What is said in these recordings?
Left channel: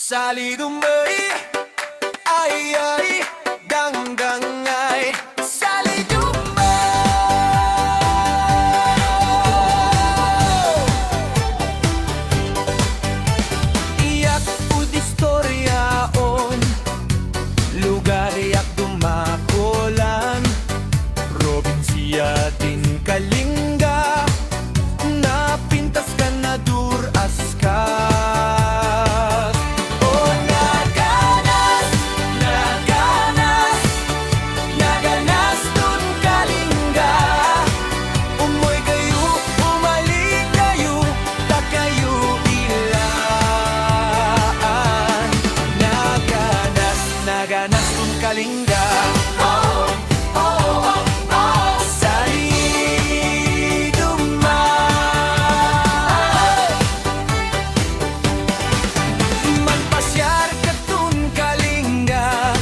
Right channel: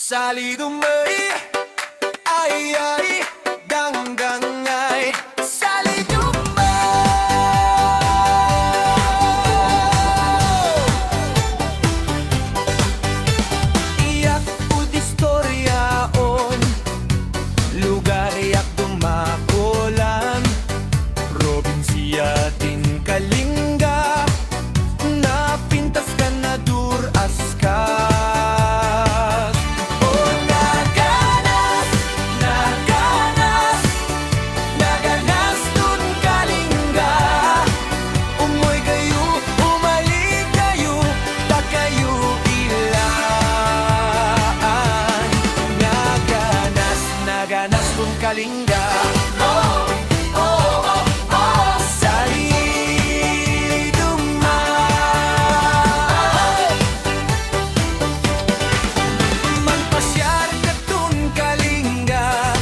Salidumay, ay ay, dangdangay. Iyak ud istoryaon, lugar yak dumakulan, probinsya din Kalinga, napintas ka na duras ka. Naganas tun Kalinga, oh, oh, oh, oh. Salidumay, manpasyar ka tun Kalinga,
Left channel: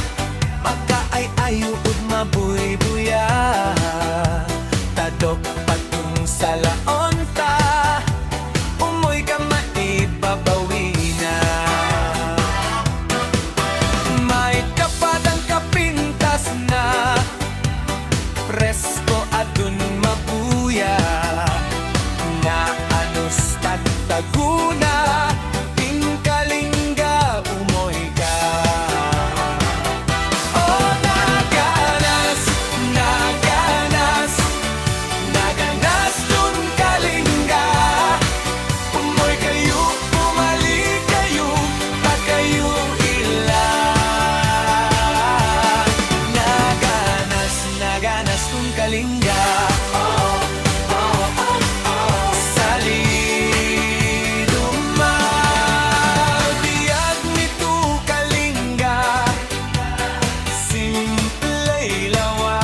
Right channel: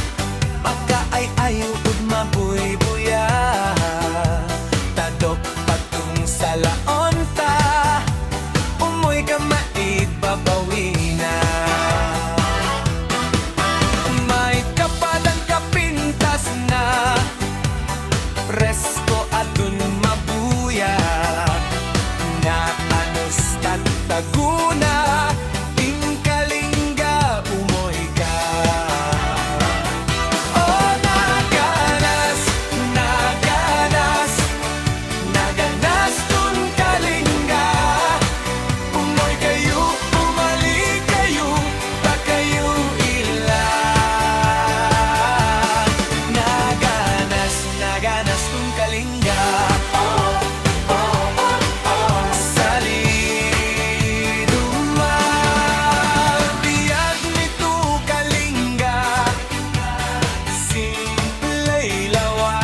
maka ay ayo ud mabuy-buya, tadok patung salaon ta, umoy ka maibabawi na. Na presko adun mabuya, na anos tataguna, ting Kalinga umoy ka. Oh, naganas, naganas, naganas dun Kalinga, umoy kayo, umali kayo, ta kayo naganas tun Kalinga, oh, oh, oh, oh. Salidumay, biyag nito Kalinga, simpley lawa,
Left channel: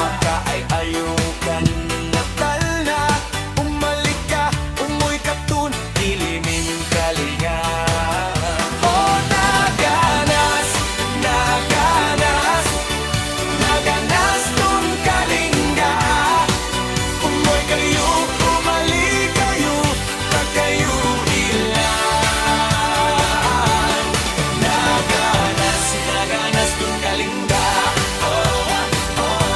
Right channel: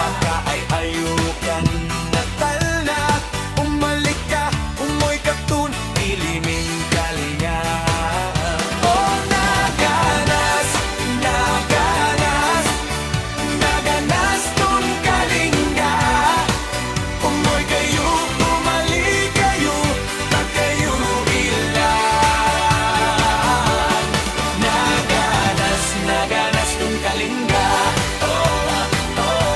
maka ay ayukan natal na, umalik ka, umoy ka tun, ilimin Kalinga. Oh, naganas, naganas, naganas tun Kalinga, umoy kayo, umali kayo, ta kayo ilan. Naganas, naganas tun Kalinga, oh, oh,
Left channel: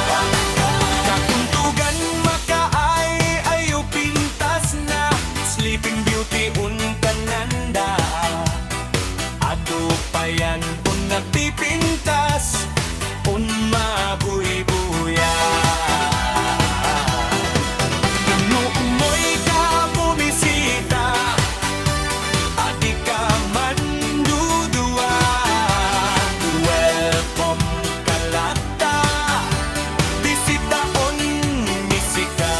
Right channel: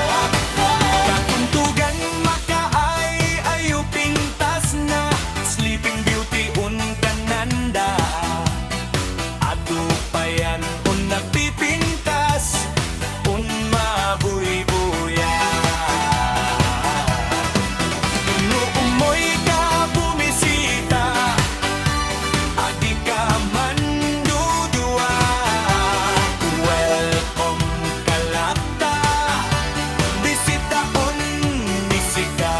oh. Katuntugan maka ay ayo pintas na, Sleeping Beauty un kananda, adu payan un napipintas, un mabuy-buya. Kung umoy ka bumisita, adi ka mandudua, welcome kalata, bisitaon misika.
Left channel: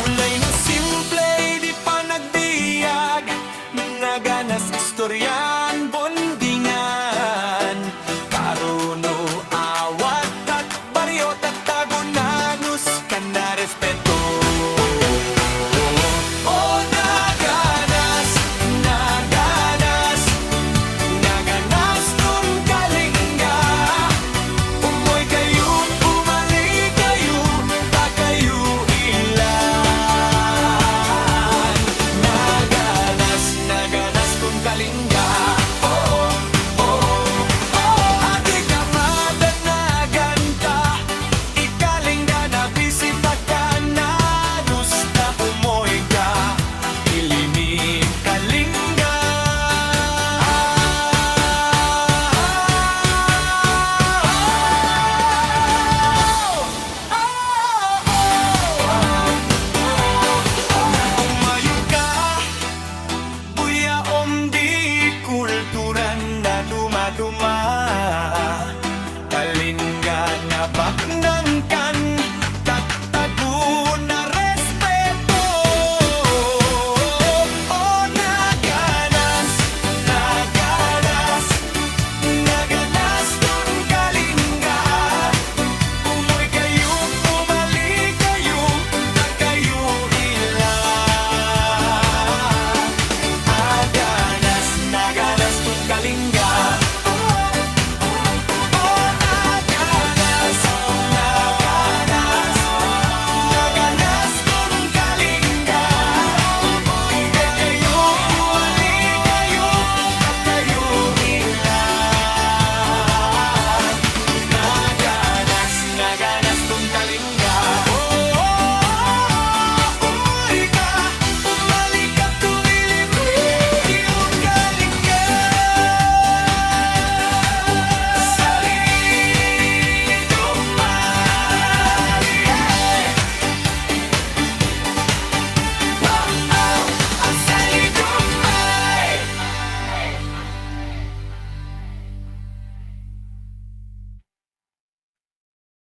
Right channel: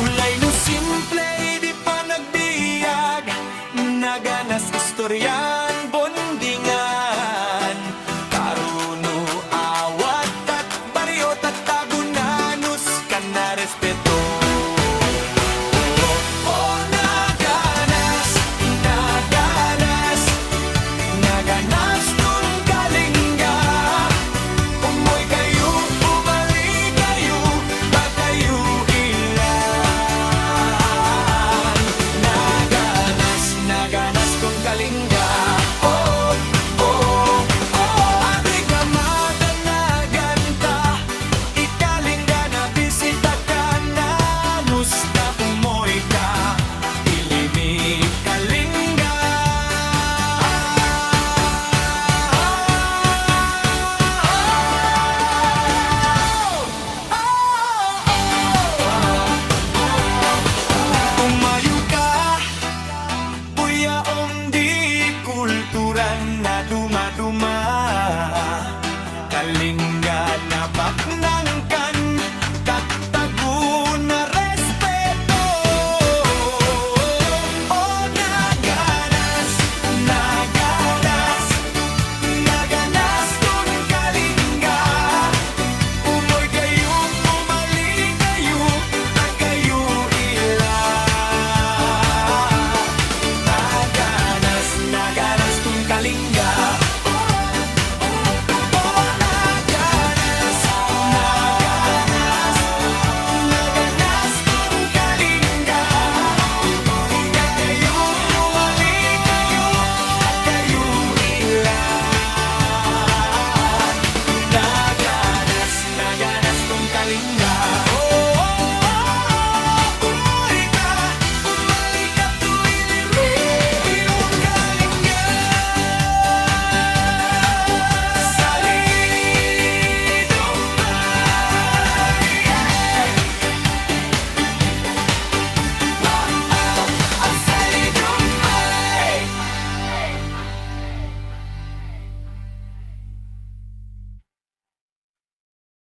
Ulay no simple, di pa nagbiag, naganas istoryan bondingan, karuno awat at baryo tagunanus ka na respeto. Oh, naganas, naganas, naganas dun Kalinga, umoy kayo, umali kayo, ta kayo ilan. Naganas, naganas dun Kalinga, oh, oh, oh. Adi ka madanagan ta, ikalinga na bisita ka na, nusta umoy ka, ilimi Kalinga. Umayo ka, buya di kulturan na dumaduma, Kalinga na baknangkan, tagtago na respeto. Oh, naganas, naganas, naganas dun Kalinga, umoy kayo, umali kayo, ta kayo ilan. Naganas, naganas dun Kalinga, oh, naganas, naganas. kong kalinga.